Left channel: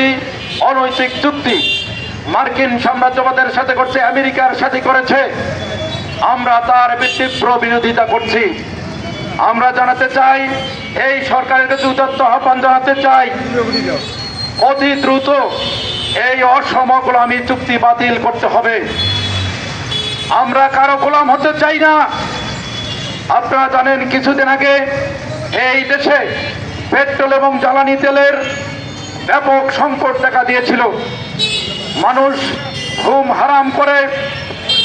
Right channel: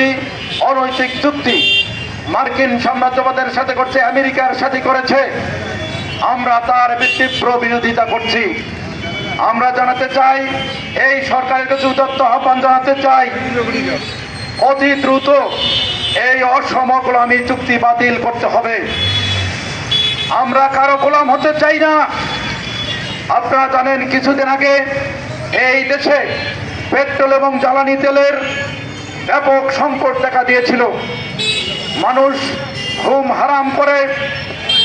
বিরোধী অনৈতিক চুক্তি মার্কিন সাম্রাজ্যবাদের সাথে করছে, আমেরিকার সাথে করেছে। আমরা তার তীব্র বিরোধিতা করছি। আমরা জানাতে চাই, এই সরকারের কাছে উদাত্ত আহ্বান জানাতে চাই, অতি দ্রুত এই অসম গোলামী চুক্তি বাতিল করতে হবে। আমরা কারো গোলাম হতে চাই না। আপনারা জানেন, কিছুদিন আগে এই দেশে পেট্রোল এবং জ্বালানি তেলের ব্যাপক সংকট দেখা দিয়েছিল। মানুষ ঘুম হারাম করে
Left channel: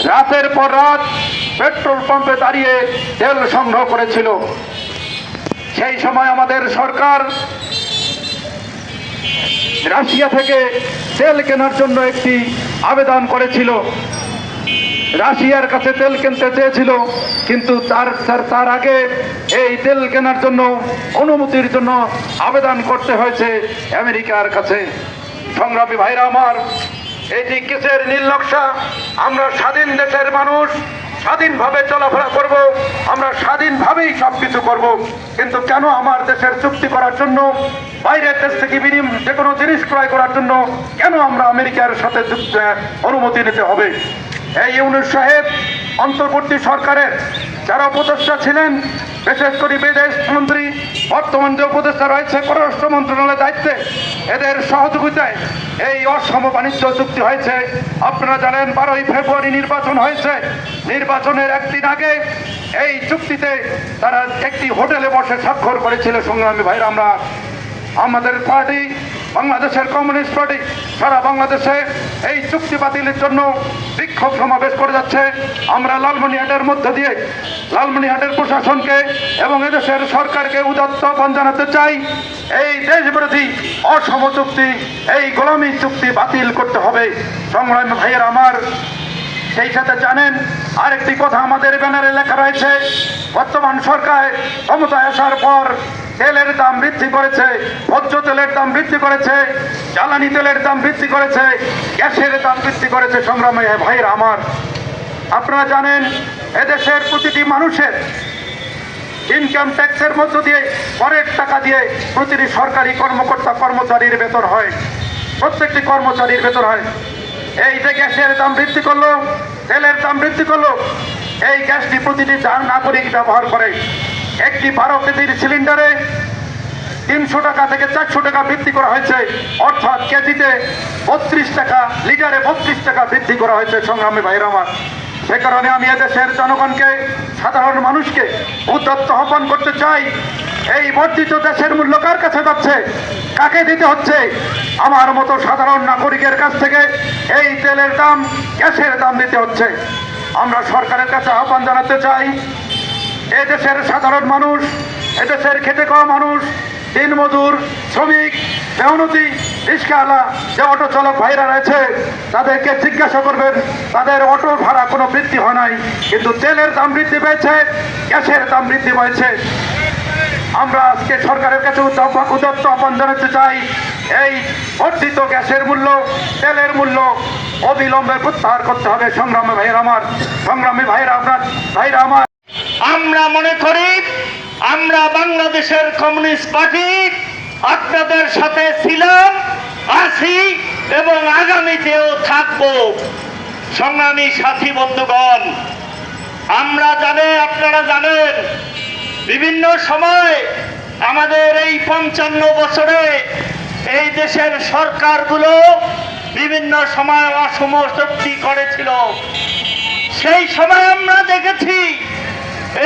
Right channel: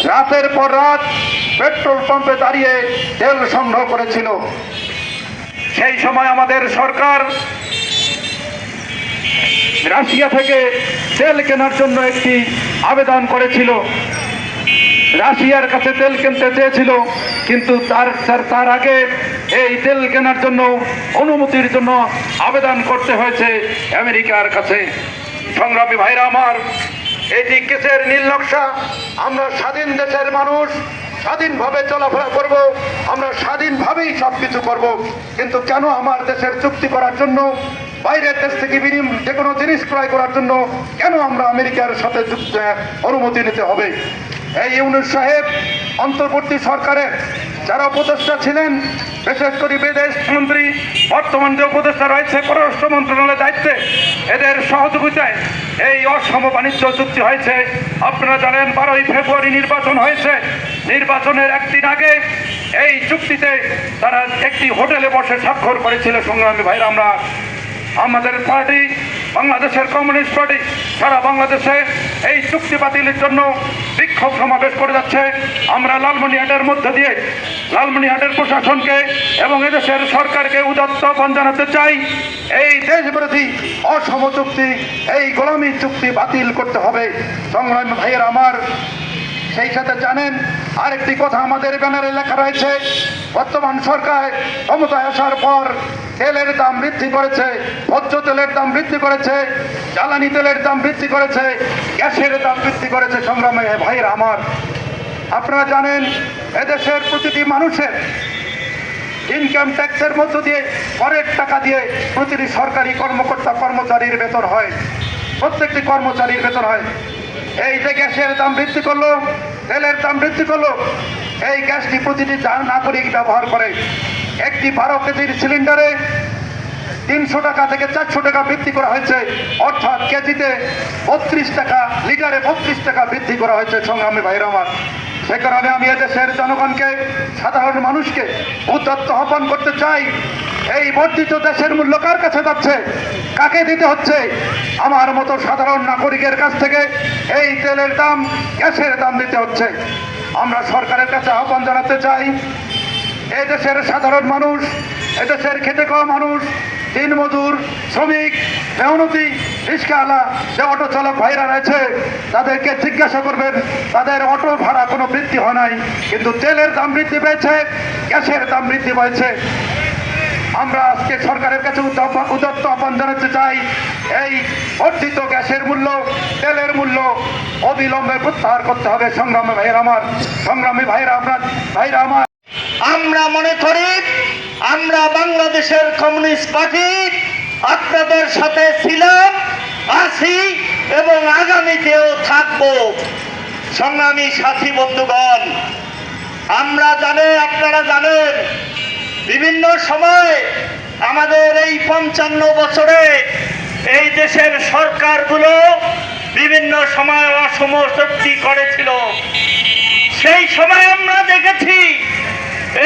রাতের পর রাত পেট্রোল পাম্পে দাঁড়িয়ে তেল সংগ্রহ করেছিল। সেই সময় আমাদের সরকার রাশিয়া থেকে তেল কেনার জন্য একটি আবেদন করেছিল। রাশিয়ার কাছে তেল কিনতে চেয়েছিল, কিন্তু তার আগে এই তেল কেনার জন্য অনুমতির জন্য আবেদন করতে হয়েছে আমেরিকার কাছে। সংগ্রামী ভাইরা আমার, এটি কেসের নীল নকশা। আমরা স্বাধীন দেশের মানুষ, স্বাধীনভাবে চলাফেরা করব, আমরা স্বাধীনভাবেই সবকিছু করব। কিন্তু কেন আমার দেশের চুক্তি করার জন্য, বাইরের দেশ থেকে যে কোনো জিনিস ক্রয় করার জন্য কেন আমরা আমেরিকার সাথে অনুমতি নিতে হবে? এই ইউনূস সাহেব অন্তর্বর্তী সরকারের যারা উপদেষ্টা ছিলেন, বিশেষ করে বিদেশ মন্ত্রী, বর্তমান যে উপদেষ্টা রয়েছে পররাষ্ট্র মন্ত্রণালয়ের দায়িত্বে, এদের সহযোগিতায় এই অসম বাণিজ্য চুক্তি হয়েছে। আপনারা জানেন, 12ই ফেব্রুয়ারি নির্বাচন হয়েছে। নির্বাচনের একদিন আগে এই চুক্তিতে তারা একটি হোটেলে বসে স্বাক্ষর করেছিল। সংগ্রামী ভাইরা, আমরা আমাদের পার্টি, বাংলাদেশের কমিউনিস্ট পার্টি সারা বাংলাদেশে এই চুক্তি বাতিলের জন্য বিক্ষোভ সমাবেশ করে যাচ্ছে। আমরা লালমনিরহাটের মধ্য দিয়ে লালমনিরহাটের প্রশাসনকে এবং এদেশের সরকারকে উদাত্ত আহ্বান জানাতে চাই, এই দেশবিরোধী অসম চুক্তি, এই গোলামী চুক্তি বাতিল করতে হবে। সংগ্রামী ভাইয়ের আমার, সেই সাথে জানেন আরেকটি কথা আমাদের ব্যানারে লেখা রয়েছে, বর্তমান সরকার ক্ষমতায় আসার পর তেলের দাম বৃদ্ধি করেছে, ভোজ্য তেলের দাম বৃদ্ধি করেছে, জ্বালানি তেলের দাম বৃদ্ধি করেছে, গ্যাসের দাম বৃদ্ধি করেছে। সংগ্রামী ভাইয়ের আমার, আপনারা জানেন এদেশের প্রতিটি মানুষের ইনকাম ট্যাক্সের মধ্য দিয়ে, করের টাকা দিয়ে প্রতিটি সরকারি কর্মকর্তা কর্মচারীর বেতন হয়, প্রত্যেকটি কর্মচারীর বেতন হয়। এই যে গ্যাসের দাম বৃদ্ধি করলো, তেলের দাম বৃদ্ধি করলো, এই গ্যাসটি প্রতিটি নাগরিক ব্যবহার করে। একটি 12 কেজির সিলিন্ডারে 300 টাকা থেকে 400 টাকা বৃদ্ধি করা হয়েছে, অর্থাৎ কেজিতে 32 টাকা, লিটারে 32 টাকা বৃদ্ধি করা হয়েছে। সংগ্রামী ভাইরা আমার, সে কারণে আমি এদেশের জনগণকে, সাধারণ মানুষকে উদাত্ত আহ্বান করতে চাই, এই বর্ধিত দেশের মূল্য কার কাছে যাচ্ছে, কাকে দিতে হচ্ছে? আমার মতো সাধারণ নাগরিকের কাছ থেকে এই তেলের দাম, গ্যাসের দাম দিতে হচ্ছে। আমরা সরকারের কাছে আহ্বান জানাতে চাই, এদেশের সাধারণ মানুষ, এদেশের খেটে খাওয়া মানুষ, দিনমজুর, শ্রমিক, মেহনতি, রিক্সাওয়ালা, যে অটো চালক ভাইরা রয়েছে, তাদেরকে জিজ্ঞাসা করবেন, তাদের অটো ভাড়া কোনো বৃদ্ধি হয় নাই, কিন্তু তেলের দাম বৃদ্ধি পেয়েছে, গ্যাসের দাম বৃদ্ধি পেয়েছে। আমরা আজকে সরকারের কাছে উদাত্ত আহ্বান জানাতে চাই, এই বর্ধিত গ্যাসের মূল্য, তেলের মূল্য অবিলম্বে প্রত্যাহার করতে হবে। সংগ্রামী ভাইয়েরা আমার, সংগ্রামী ভাইয়েরা আমার, আমরা মনে করি আমরা বাংলাদেশের কমিউনিস্ট পার্টি আপনাদের সাথে ছিলাম, আছি এবং আগামীতেও থাকব। সংগ্রামী সাথী বন্ধুগণ, আপনারা জানেন বিভিন্ন সময় আমাদের এই 55 বছরে এই দেশের সরকারগুলো বিভিন্ন সময় অসম চুক্তি করেছিল। সেই সময় আমরা দেখেছি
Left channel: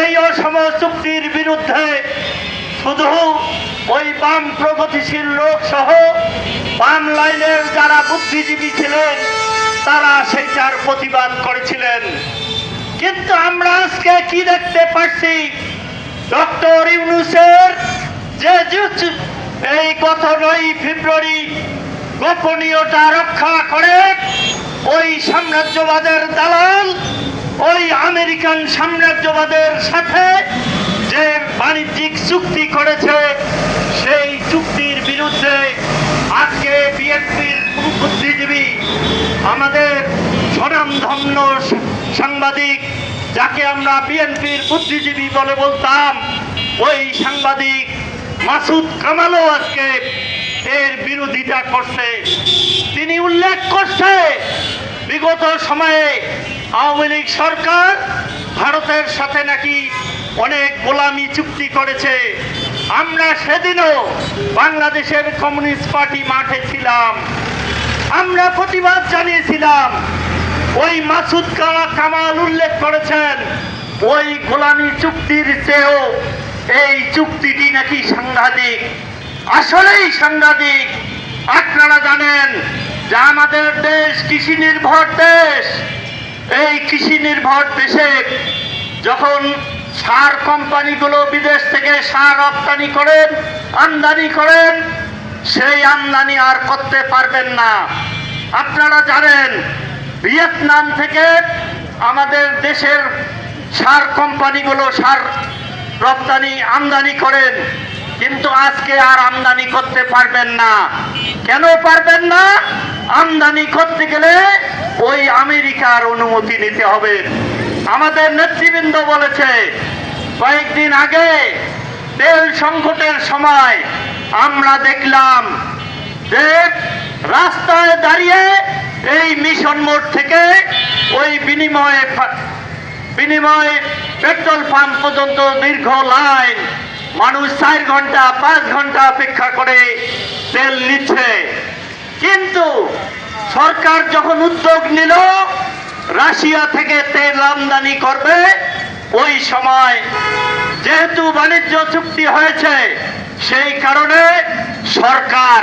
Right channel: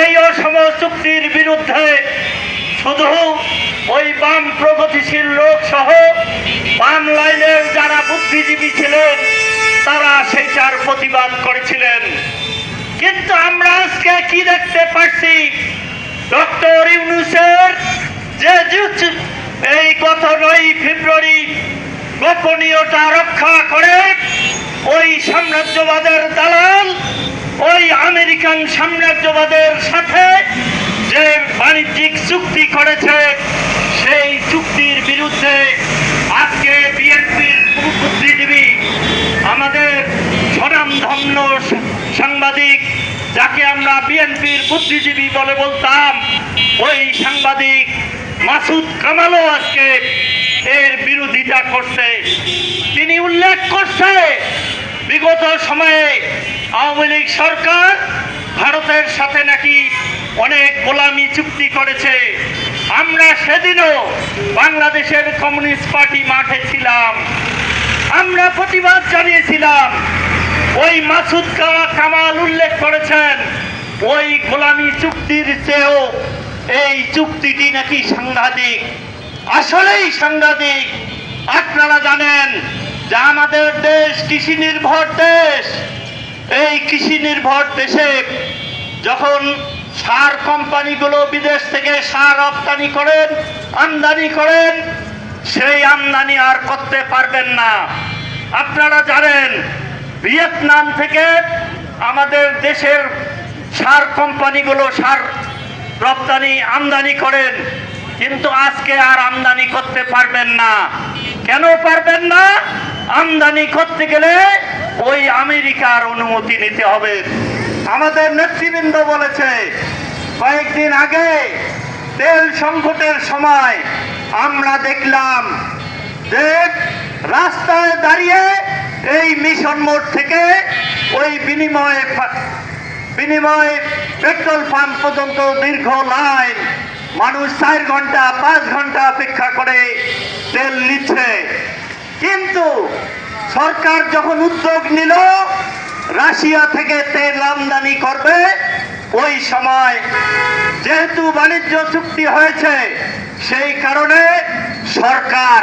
এই অসম চুক্তির বিরুদ্ধে শুধু ওই বাম প্রগতিশীল লোক সহ বাম লাইনের যারা বুদ্ধিজীবী ছিলেন তারা সেইটার প্রতিবাদ করেছিলেন। কিন্তু আমরা আজকে কি দেখতে পাচ্ছি, ডক্টর ইউনূসের যে এই গত 9 ফেব্রুয়ারি গোপনীয়তা রক্ষা করে ওই সাম্রাজ্যবাদের দালাল, ওই আমেরিকান সাম্রাজ্যবাদের সাথে যে বাণিজ্যিক চুক্তি করেছে, সেই চুক্তির বিরুদ্ধে আজকে বিএনপির বুদ্ধিজীবী, আমাদের স্বনামধন্য সাংবাদিক, যাকে আমরা বিএনপির বুদ্ধিজীবী বলে বলতাম, ওই সাংবাদিক মাসুদ কামালও আজকে এর বিরোধিতা করছে। তিনি উল্লেখ করছে বিগত সময়ে আওয়ামী লীগ সরকার ভারতের সাথে নাকি অনেক গোলামি চুক্তি করেছে। আমরা সেদিনও বাংলাদেশের কমিউনিস্ট পার্টি মাঠে ছিলাম, আমরা প্রতিবাদ জানিয়েছিলাম। ওই মাসুদ কামাল উল্লেখ করেছেন ওই গোলামি চুক্তির চেয়েও এই চুক্তিটি নাকি সাংঘাতিক। আসলেই সাংঘাতিক। আপনারা জানেন যে আমাদের দেশ কৃষি নির্ভর দেশ। এই কৃষি নির্ভর দেশে যখন সার কোম্পানিগুলো বিদেশ থেকে সার রপ্তানি করেন, আমদানি করেন, সেই আমদানি আর করতে পারবেন না। আপনারা জানেন ভিয়েতনাম থেকে আমাদের দেশের সার কোম্পানিগুলো সার রপ্তানি আমদানি করেন, কিন্তু আজকে আর আমদানি করতে পারবেন না। কেন পারবেন না? আমদানি করতে গেলে ওই আমেরিকার অনুমতি নিতে হবে। আমাদের নেতৃবৃন্দ বলেছে কয়েকদিন আগে তেল সংকটের সময় আমরা দেখলাম যে রাস্তায় দাঁড়িয়ে এই মিশন মোড় থেকে ওই বিনিময় পেট্রোল পাম্প পর্যন্ত দীর্ঘ লাইন, মানুষ 4 ঘন্টা 5 ঘন্টা অপেক্ষা করে তেল নিচ্ছে। কিন্তু সরকার যখন উদ্যোগ নিল রাশিয়া থেকে তেল আমদানি করবে, ওই সময় যেহেতু বাণিজ্য চুক্তি হয়েছে সেই কারণে সরকার